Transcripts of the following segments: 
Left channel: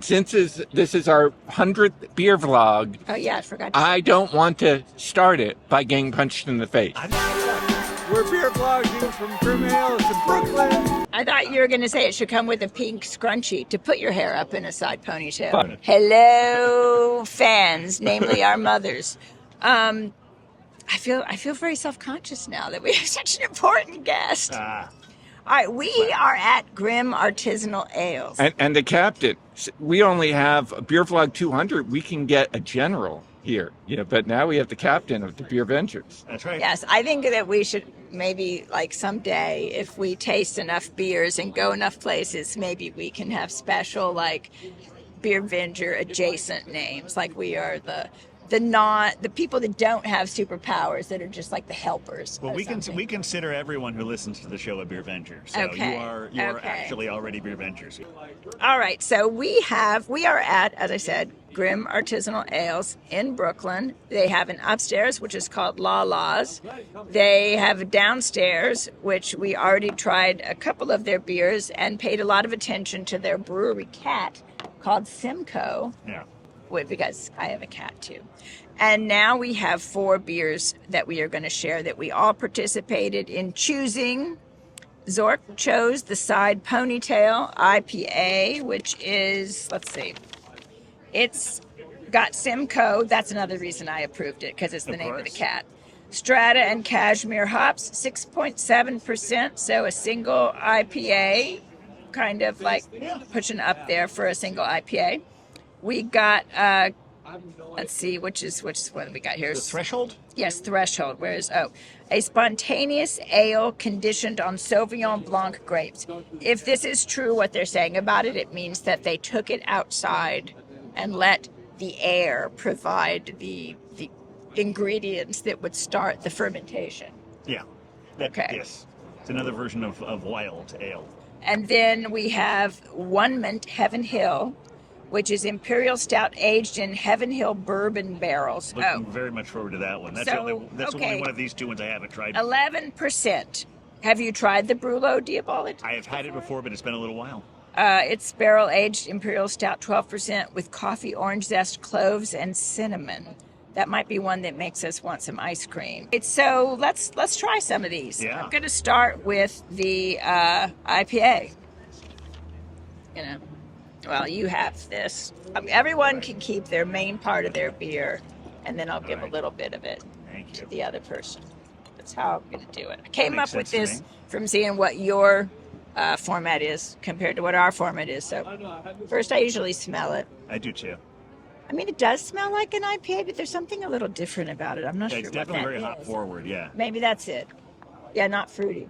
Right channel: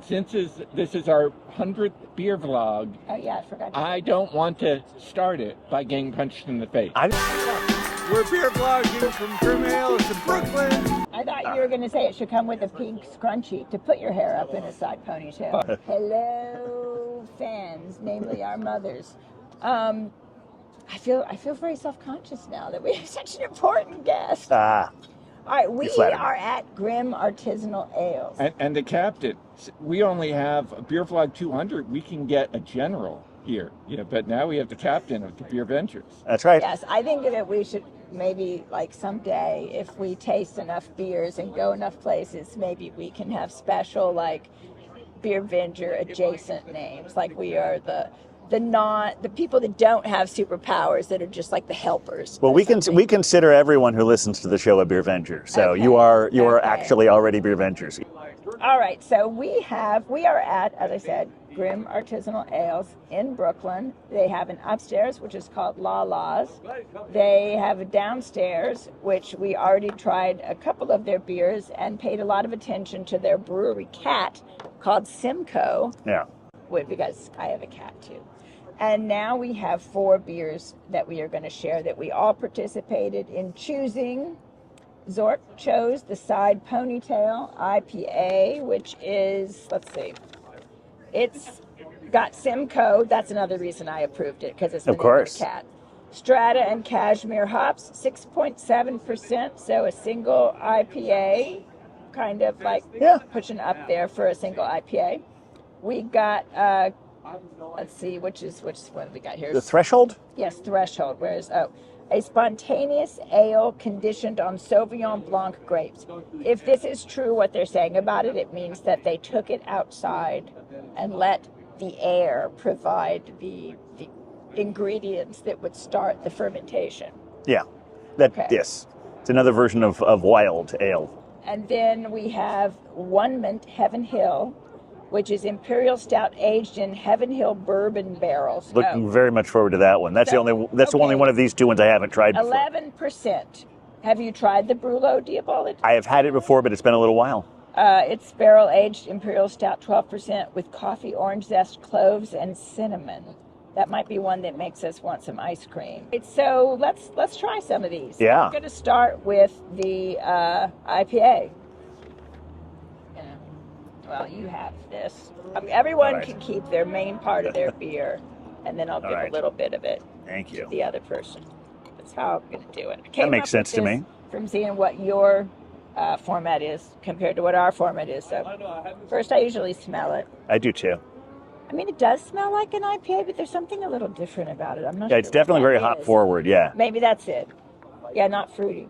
Since this is our 100th beer vlog, Oh yeah, I forgot to I don't want to start it by getting punched in the face. We're beer vlogging from Grimm Ales in Brooklyn. I thought you were going to say it should come with a pink scrunchie to put your hair up in a side ponytail. Hello, fans, namely our mothers. I feel very self-conscious now that we have such an important guest. All right, we are at Grimm Artisanal Ales. And the captain, we only have a beer vlog 200. We can get a general here, but now we have the captain of the Beervengers. That's right. Yes, I think that we should maybe, like, someday, if we taste enough beers and go enough places, maybe we can have special, like, Beervenger adjacent names. Like, we are the people that don't have superpowers, that are just like the helpers. Well, we consider everyone who listens to the show a Beervenger. So Okay. you are actually already Beervengers. All right, so we are at, as I said, Grimm Artisanal Ales in Brooklyn. They have an upstairs, which is called LaLa's. They have a downstairs, which we already tried a couple of their beers and paid a lot of attention to their brewery cat called Simcoe. Yeah. Because I have a cat too. And now we have 4 beers that we are going to share that we all participated in choosing. Zork chose the Side Ponytail IPA, which is, let's see, it's got Simcoe. That's another reason I approved it, because it's the name of the cat. Strata and Cashmere hops, 6.7%, so a single IPA, kind of like pushing up there for a single IPA. We got, let's see, which one have we got here? The Threshold? Yes, Threshold. A spontaneous ale conditioned on Sauvignon Blanc grapes. If this is true, what they're saying about it, it means that they took it outside and let the air provide the ingredients that would start the fermentation. Yeah. Yes. It's another version of wild ale. And then we have Onement Heaven Hill, which is Imperial Stout aged in Heaven Hill bourbon barrels. Looking very much forward to that one. That's the only one of these two ones I haven't tried before. 11%. Have you tried the Brûlot Diabolique? I have had it before, but it's been a little while. It's barrel aged Imperial Stout, 12% with coffee, orange zest, cloves, and cinnamon. That might be one that makes us want some ice cream. So let's try some of these. Yeah. I'm going to start with the IPA. Well, you have this. Everyone can keep their main part of their beer, and then I'll give a little bit of it to the other person. That's how I'm going to do it. I came up with this from seeing what your format is compared to what our format is. So first, I usually smell it. I do too. I mean, it does smell like an IPA, but there's something a little different about it. I'm not sure. It's definitely very hop forward. Yeah. Maybe that's it. Yeah, not fruity.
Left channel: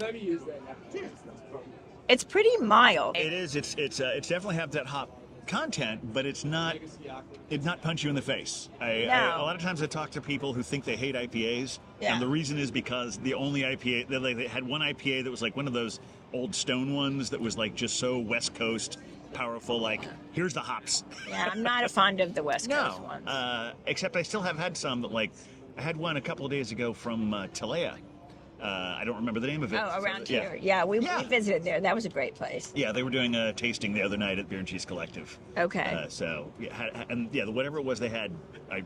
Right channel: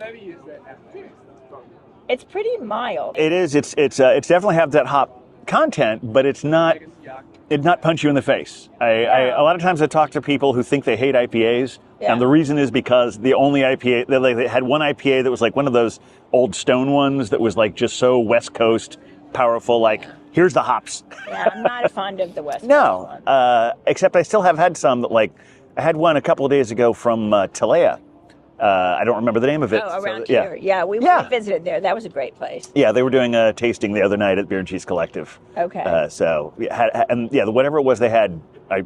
Maybe use that now. It's pretty mild. It is. It's definitely have that hop content, but it's not punch you in the face. A lot of times I talk to people who think they hate IPAs, and the reason is because the only IPA they had one IPA that was like one of those old stone ones that was like just so West Coast powerful. Like here's the hops. Yeah, I'm not a fond of the West Coast ones. No, except I still have had some that like I had one a couple of days ago from Talea. I don't remember the name of it. Oh, around here. Yeah, we visited there. That was a great place. Yeah, they were doing a tasting the other night at Beer and Cheese Collective. Okay. So, whatever it was they had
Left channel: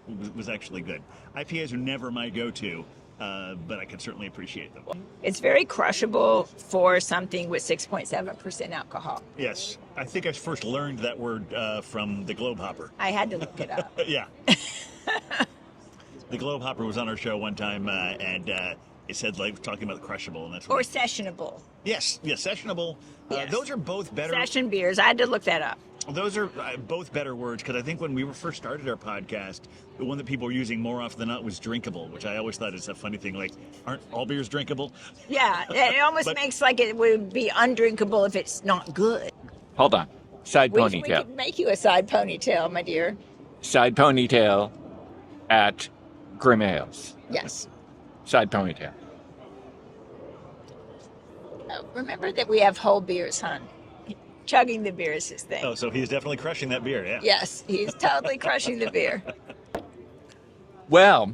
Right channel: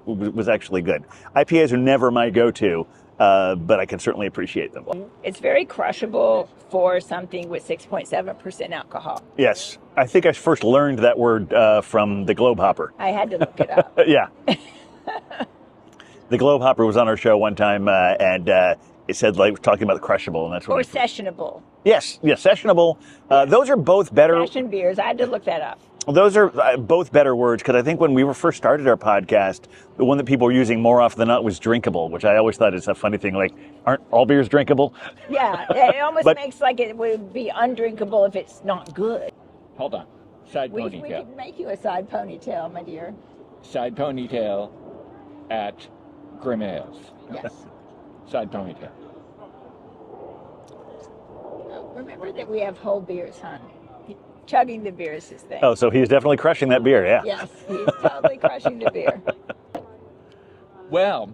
was actually good. IPAs are never my go-to, but I can certainly appreciate them. It's very crushable for something with 6.7% alcohol. Yes. I think I first learned that word from the Globe Hopper. I had to look it up. Yeah. The Globe Hopper was on our show one time, and it said, like, talking about the crushable, and that's what. Or sessionable. Yes, sessionable. Those are both better. Session beers. I had to look that up. Those are both better words, because I think when we first started our podcast, the one that people were using more often than not was drinkable, which I always thought is a funny thing. Like, aren't all beers drinkable? Yeah, it almost makes like it would be undrinkable if it's not good. Hold on. Side Ponytail. We could make you a Side Ponytail, my dear. Side Ponytail at Grimm Ales. Yes. Side Ponytail. Remember that we have whole beers, hon. Chugging the beer is his thing. Oh, so he's definitely crushing that beer, yeah. Yes, he's totally crushing the beer. Well,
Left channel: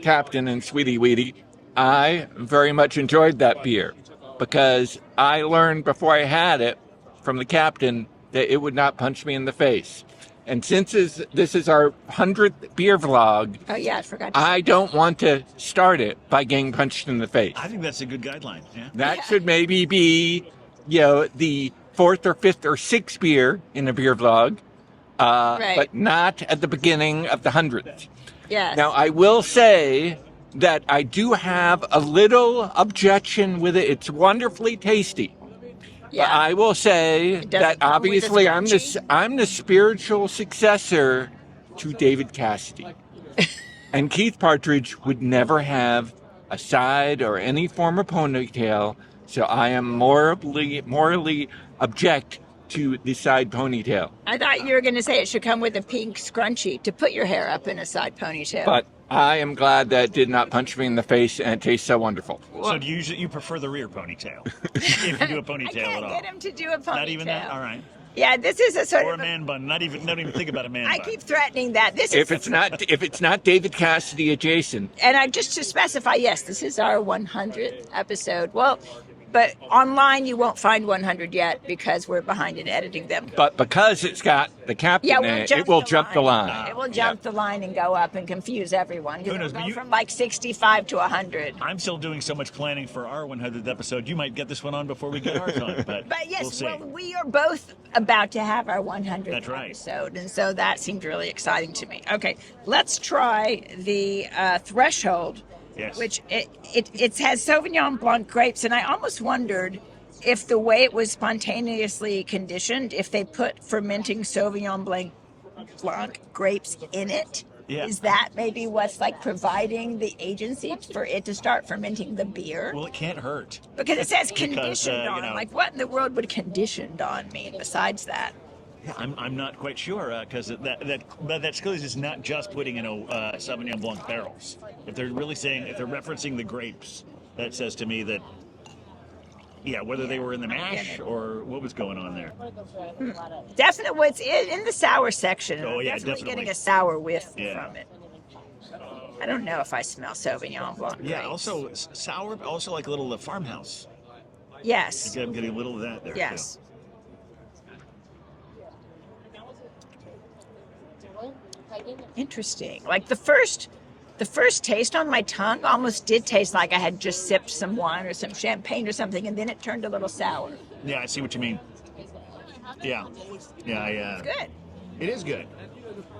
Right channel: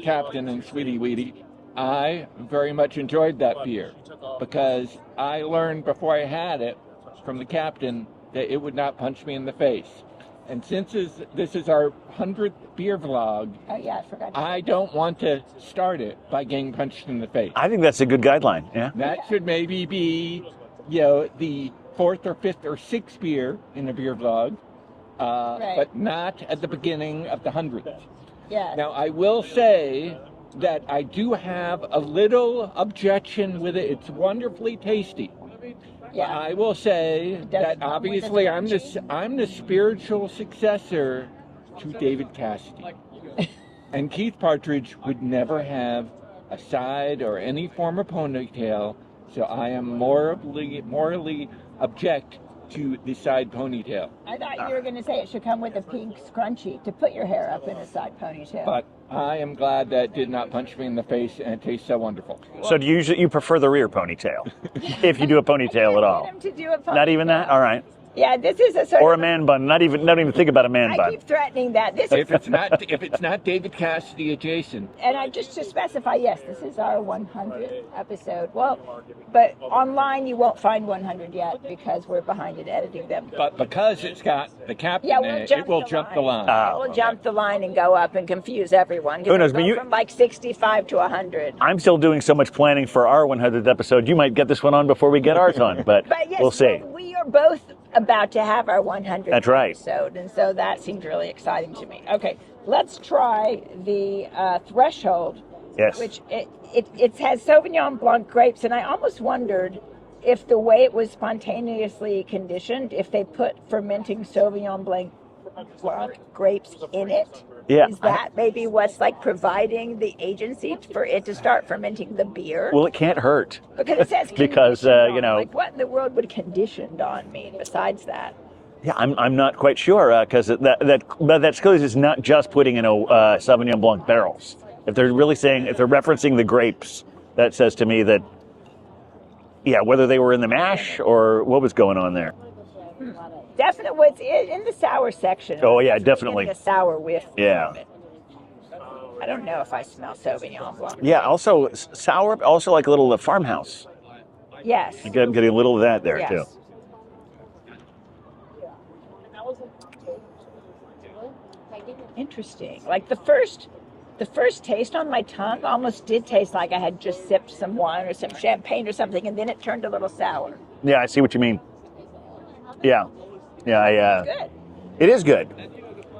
Captain and Sweetie Weetie, I very much enjoyed that beer. because I learned before I had it from the captain that it would not punch me in the face. And since this is our 100th beer vlog, Oh yeah, I forgot to I don't want to start it by getting punched in the face. I think that's a good guideline. Yeah. That should maybe be, you know, the 4th or 5th or 6th beer in a beer vlog, Right. but not at the beginning of the 100th. Yes. Now, I will say that I do have a little objection with it. It's wonderfully tasty. yeah. But I will say It doesn't that come with obviously its I'm the spiritual successor to David Cassidy. And Keith Partridge would never have a side or any form of ponytail, so I am morally object to the side ponytail. I thought you were going to say it should come with a pink scrunchie to put your hair up in a side ponytail. But I am glad that it did not punch me in the face and it tastes so wonderful. So do you prefer the rear ponytail? If you do a ponytail at all? Get him to do a ponytail. Not even that? All right. Yeah, this is a sort Or a of man bun. Not even think about a man bun. I keep threatening that. This is, If it's not David Cassidy adjacent, and I just to specify, yes, this is our 100th episode. Well, but online you won't find 100 yet because we're behind in editing them. but because it's got the captain Yeah, in we'll it, jump it will the jump the line. line. It will jump the line and go up and confuse everyone. Who knows, It'll but go you- from like 65 to 100. I'm still doing so much planning for our 100th episode. You might get this one on before we get ours on, but, But yes, we'll see. we are both about to have our 100th That's right. episode, and so that seemed really exciting to me. Okay, let's try the Threshold, Yes. which it has Sauvignon Blanc grapes, and I almost wondered if the way it was spontaneously conditioned, if they put fermenting Sauvignon Blanc grapes in it. Yeah. Is that maybe what's like providing the agency for it to start fermenting the beer? Well, it can't hurt. Because it says Because, conditioned you on. know- Like, what in the world would conditioned on mean besides that? Yeah, I'm not quite sure because that's because it's not just putting in Sauvignon Blanc barrels. If they're referencing the grapes, that says to me that, yeah, whether they were in the mash or what was going on there. Definitely, it's in the sour section. Oh, yeah, I'm definitely. Getting a sour whiff. Yeah. From it. I don't know if I smell Sauvignon Blanc. Yeah, also sour, also like a little farmhouse. Yes. I'm getting a little of that there Yes. too. Interesting. Like the first taste on my tongue almost did taste like I had just sipped some wine or some champagne or something, and then it turned a little sour. Yeah, I see what you mean. Yeah, yeah, Good. it is good.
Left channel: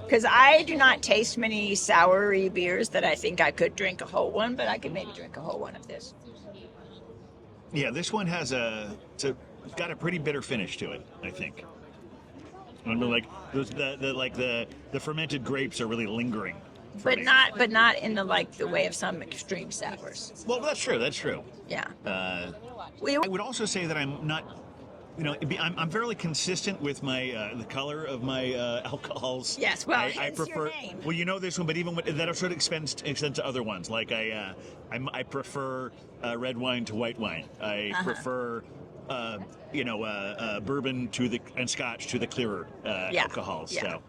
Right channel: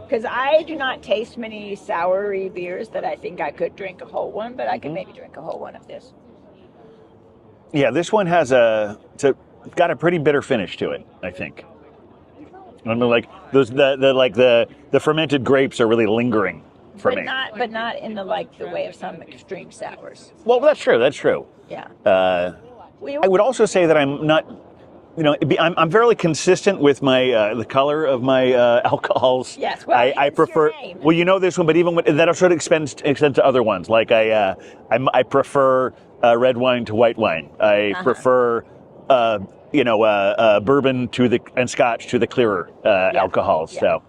Because I do not taste many soury beers that I think I could drink a whole one, but I could maybe drink a whole one of this. Yeah, this one has got a pretty bitter finish to it, I think. I mean, like the fermented grapes are really lingering for me. But not in the way of some extreme sours. Well, that's true. That's true. Yeah. I would also say that I'm not, I'm fairly consistent with my the color of my alcohols. Yes, well, I hence prefer. your name. Well, you know this one, but even that sort of extends to other ones. Like I prefer red wine to white wine. I prefer. Bourbon and Scotch to the clearer alcohols. Yeah. So,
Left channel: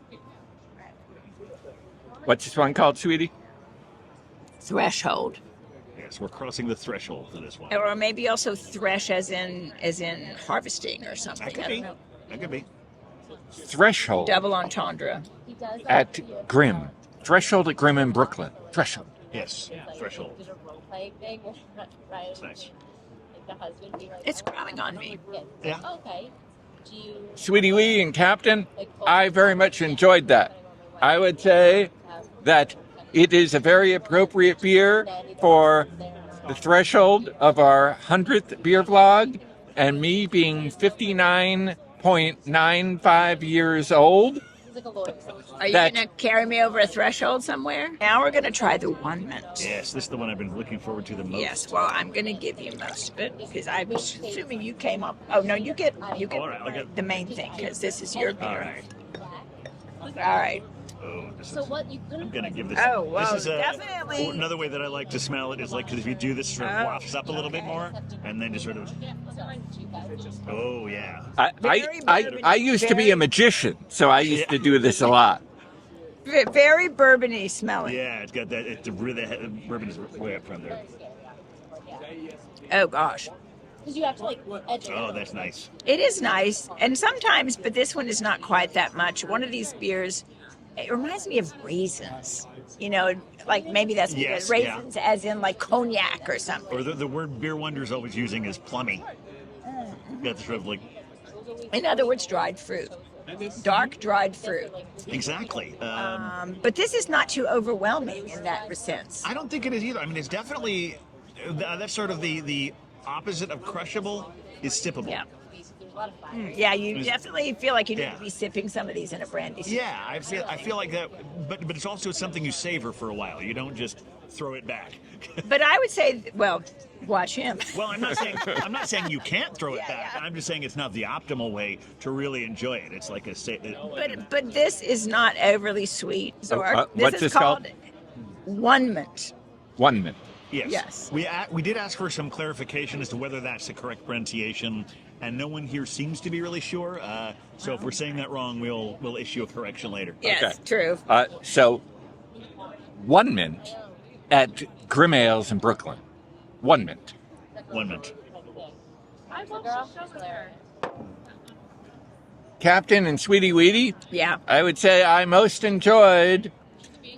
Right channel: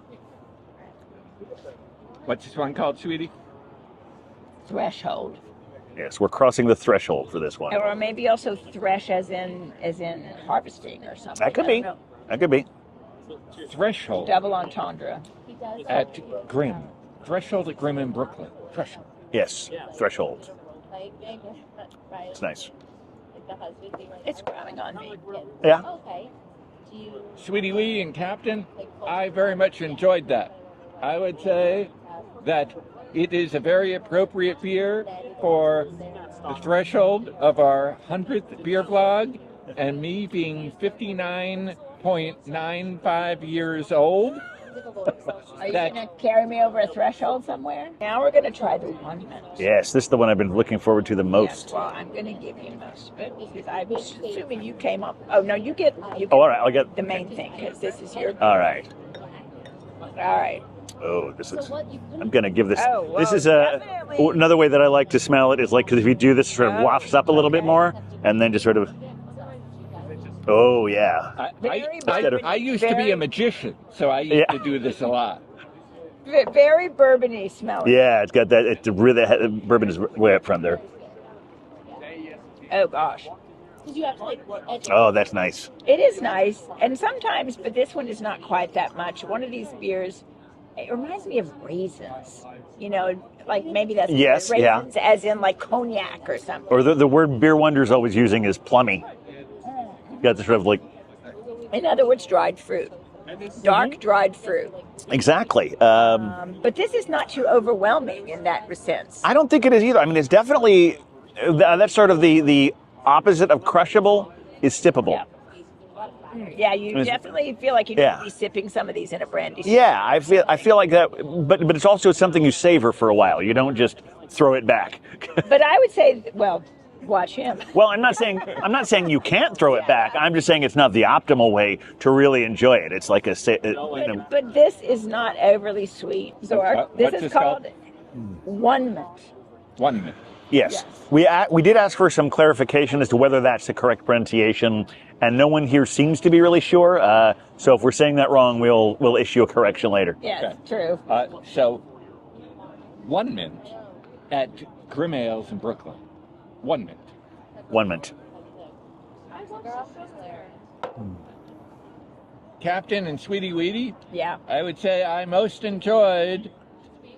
What's this one called, sweetie? Threshold. yes, we're crossing the threshold for this one. Or maybe also thresh as in harvesting or something. That could I be. don't know. That could be. Threshold Double entendre. at Grimm. Threshold at Grimm in Brooklyn. Threshold. Yes, threshold. It's nice. It's growing on me. Yeah. Sweetie Wee and Captain, I very much enjoyed that. I would say that it is a very appropriate beer for the threshold of our 100th beer vlog, and me being 59.95 years old. Are you going to carry me over a threshold somewhere? Now we're going to try the Onement. Yes, this is the one I've been looking forward to the most. Yes, well, I'm going to give you most of it because I'm assuming you came up. Oh, no, you get all right, I'll get the main thing because this is your beer. All right. All right. Oh, this is. I'm gonna give this. Oh, this whoa, is definitely. another way that I like to smell it is like because if you do this, it sort of wafts up a little bit more, and then just sort of. Oh yeah. I used to be a magician, so I used to do this a lot. Very bourbony smelling. Yeah, it's got that. It's really bourbon is way up front there. Oh gosh. Oh, that's nice. It is nice, and sometimes, but this one is not quite that much. One of these beers, it reminds me of raisins. You know, like maybe that's Yes, raisins as in like cognac or something. Or the word Beer Wonder's always using is plummy. You got this sort of like... In other words, dried fruit. Dark dried fruit. Exactly. But this is not too overwhelming in that sense. I don't think it is either. I mean, it's definitely... That's sort of the opposite of crushable is sippable. Yeah. Yeah, you definitely feel like you need to be sipping some of these in a brandy. Yeah, I feel like that, but it's also something you savor for a while. You don't just throw it back. But I would say, well, watch him. Well, I'm not saying you can't throw it back. I'm just saying it's not the optimal way to really enjoy it. It's like But this is not overly sweet, Zork. This is called Onement. Onement. Yes. We did ask for some clarification as to whether that's the correct pronunciation, and no one here seems to be really sure. So if we're saying that wrong, we'll issue a correction later. Yes, true. So, Onement at Grimm Ales in Brooklyn. Onement. Onement. Captain and Sweetie Weetie. Yeah. I would say I most enjoyed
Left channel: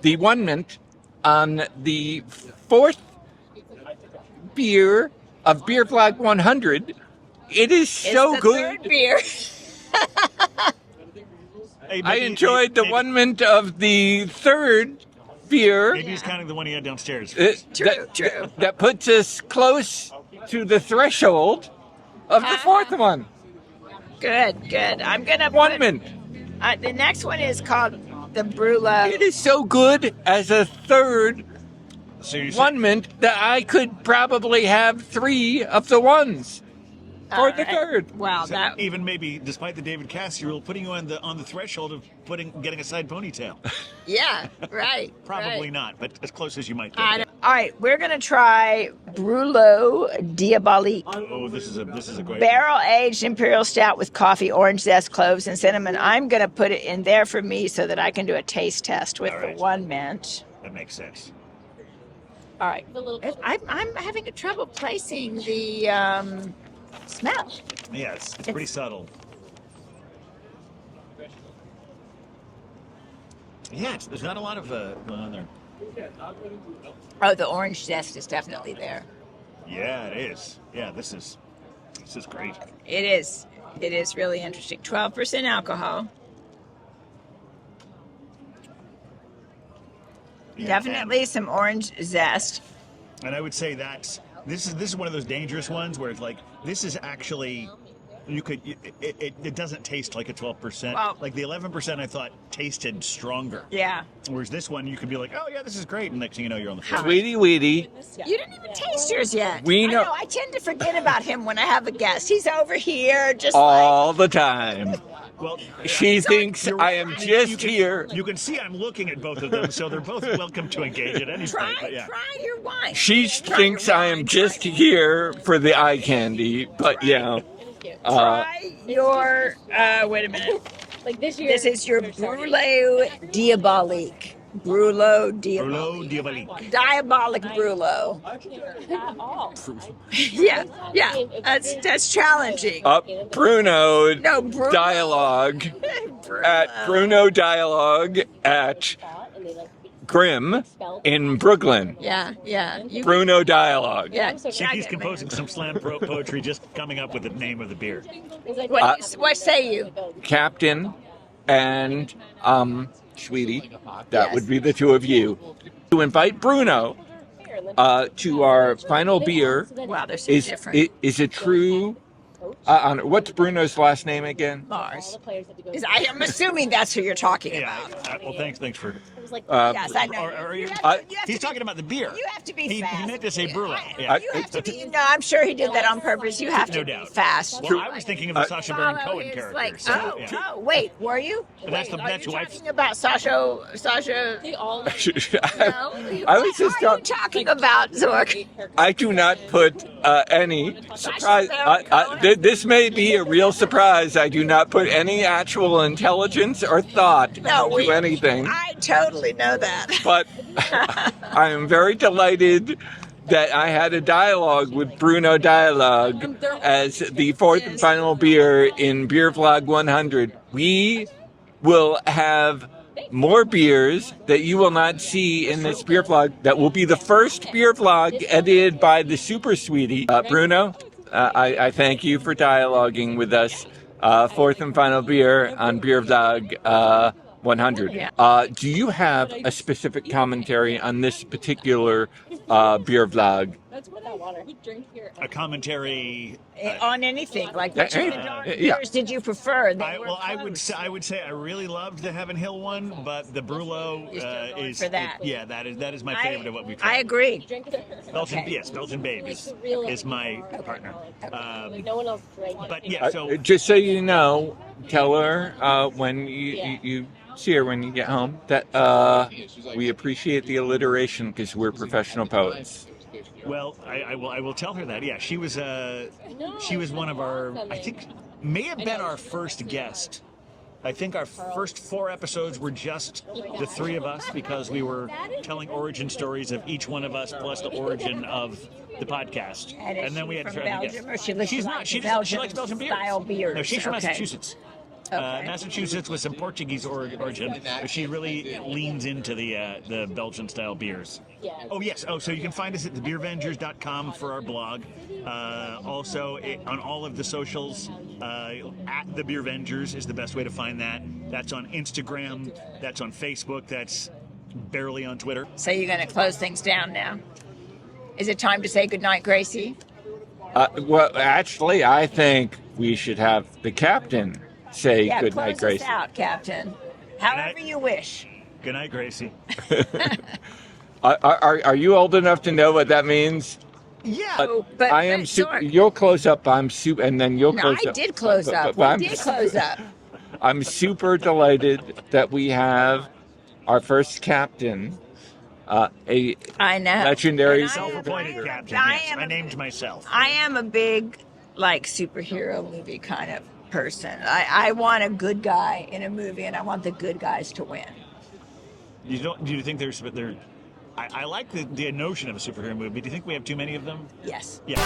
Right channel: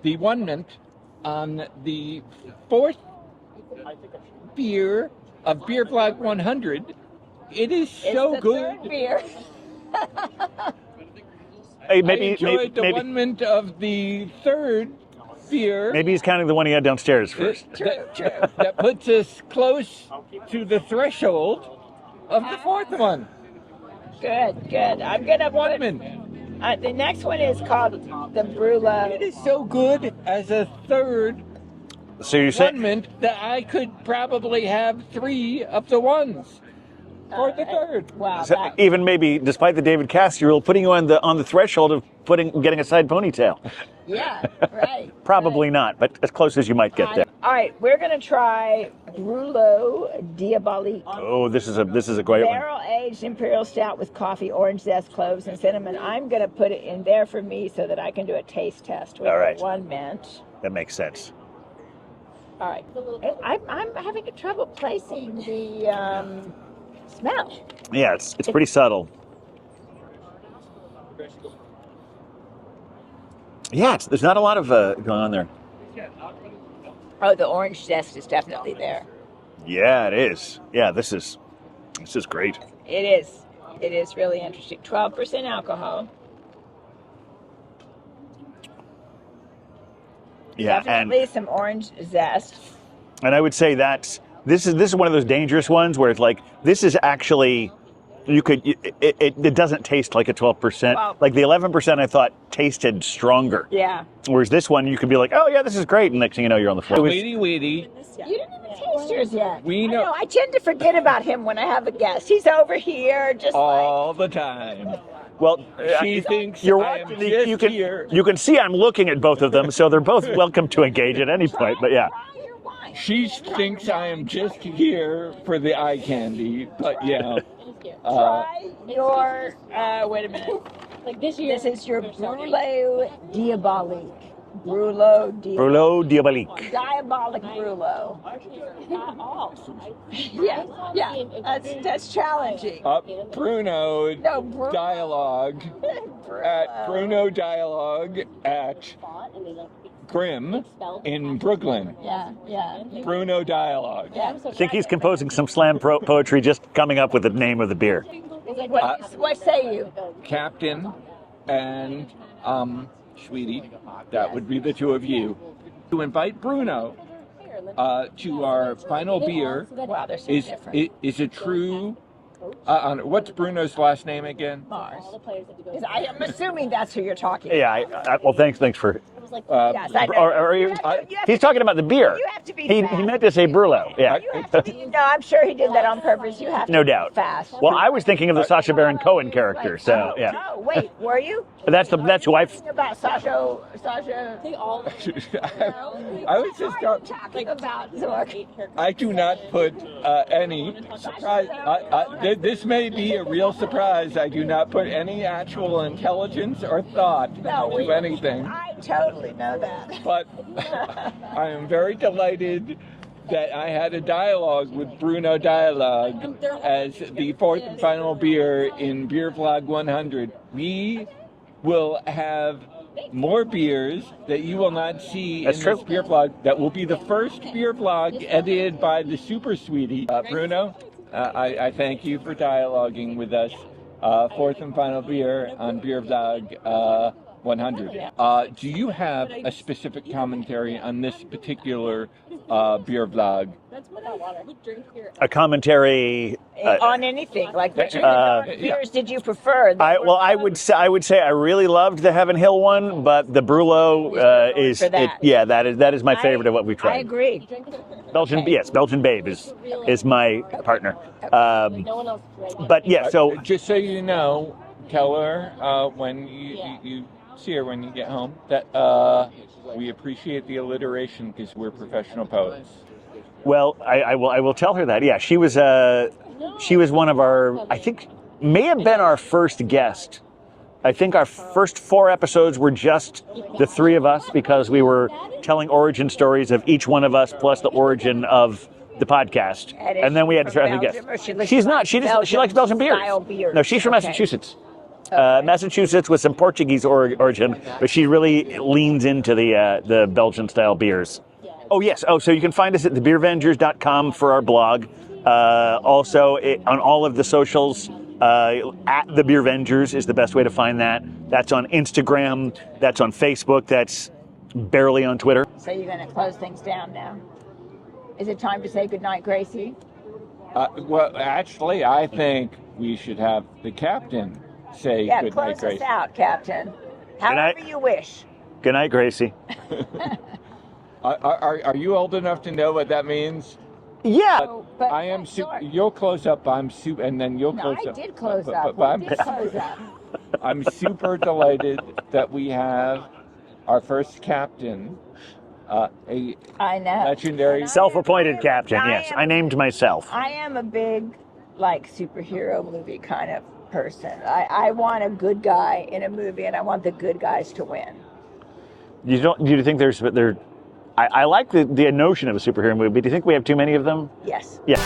the Onement on the fourth beer of BeerVlog 100. It is so It's the good. third beer. I enjoyed the Onement of the third beer. Maybe he's counting the one he had downstairs. True. That puts us close to the threshold of the fourth one. Good. I'm gonna Onement. the next one is called the Brûlot. It is so good as a third So you're saying Onement that I could probably have 3 of the ones for the third. Wow, so that, even maybe despite the David Cassidy rule, putting you on the threshold of getting a side ponytail. yeah, right. Probably not, but as close as you might get there. All right, we're gonna try Brûlot Diabolique. Oh, this is a great one. Barrel-aged Imperial Stout with coffee, orange zest, cloves, and cinnamon. I'm going to put it in there for me so that I can do a taste test with All right. the Onement. That makes sense. All right. I'm having trouble placing the smell. Yeah, it's pretty subtle. Yeah, there's not a lot of going on there. Oh, the orange zest is definitely there. Yeah, it is. Yeah, this is great. It is. It is really interesting. 12% alcohol. Yeah, Definitely some orange zest. And I would say that this is one of those dangerous ones where it's like this is actually it doesn't taste like a 12%. Well, like the 11% I thought tasted stronger. Yeah. Whereas this one you could be like, oh yeah, this is great, and next thing you know you're on the floor. Sweetie Weetie. You didn't even taste yours yet. We I know. I tend to forget about him when I have a guest. He's over here just All the time. Well, She thinks you're I am right. just here. You can see I'm looking at both of them, so they're both welcome to engage at any point. But yeah, Try your wine. She thinks I am just here for the eye candy, but yeah. Try your, wait a minute. This is your Brûlot Diabolique. Brûlot Diabolique. Brûlot Diabolique. Diabolic Brûlot. yeah, that's challenging. Bruno No, Brûlot. Dialogue at Bruno Dialogue at Grimm in Brooklyn. Yeah. You, Bruno Dialogue. yeah. I think he's composing some slam poetry, just coming up with the name of the beer. What say you? Captain and Sweetie, that Yes. would be the two of you, to invite Bruno to our final beer. Wow, they're so Is different. is it true? What's Bruno's last name again? Mars. I am assuming that's who you're talking about. Yeah. Well, thanks for. Yes, I know. Or You have to he's talking about the beer. You have to be He fast. meant to say Brûlot. Yeah. You have to be. No, I'm sure he did that on purpose. You have to No be doubt. fast. Well, I was thinking of the Sacha Baron Cohen It's character. like, So yeah. Oh, wait, were you? That's Are you who I've. talking about Sasha. No, I was just who are you talking about, Zork? I do not put any surprise. This may be a real surprise. I do not put any actual intelligence or thought into anything. I totally know that. But I am very delighted that I had a dialogue with Brûlot Diabolique as the fourth and final beer in BeerVlog 100. We will have more beers that you will not see in this beer vlog. That will be the first beer vlog edited by the Super Sweetie. Bruno, I thank you for dialoguing with us. Fourth and final beer on BeerVlog 100. Do you have a specific commentary on this particular beer vlog? A commentary on anything, like which of the beers did you prefer? I would say I really loved the Heaven Hill one, but the Brûlot that is my favorite of what we've tried. I agree. Belgian Babe is my partner. But yeah, so just so you know, tell her when you see her when you get home that we appreciate the alliteration because we're professional poets. Well, I will tell her that. Yeah, she was one of our, I think, may have been our first guest. I think our first 4 episodes were just the 3 of us because we were telling origin stories of each one of us plus the origin of the podcast. And then we had to try to guess. She's not. She likes Belgian beers. No, she's from Massachusetts. Massachusetts with some Portuguese origin, but she really leans into the Belgian style beers. Oh yes. Oh, so you can find us at thebeervengers.com for our blog. Also on all of the socials, at the Beervengers is the best way to find that. That's on Instagram. That's on Facebook. That's barely on Twitter. So you're going to close things down now. Is it time to say goodnight, Gracie? Well, actually, I think we should have the captain say goodnight, Gracie. Close us out, Captain. However you wish. Good night, Gracie. Are you old enough to know what that means? Yeah. But I am super. You'll close up. I'm super, and then you'll close up. I did close up. We did close up. I'm super delighted that we have our first captain. I know. Legendary, self-appointed captain. Yes, I named myself. I am a big, superhero movie kind of person. I want a good guy in a movie, and I want the good guys to win. Do you think I like the notion of a superhero movie, but do you think we have too many of them? Yes. Yeah.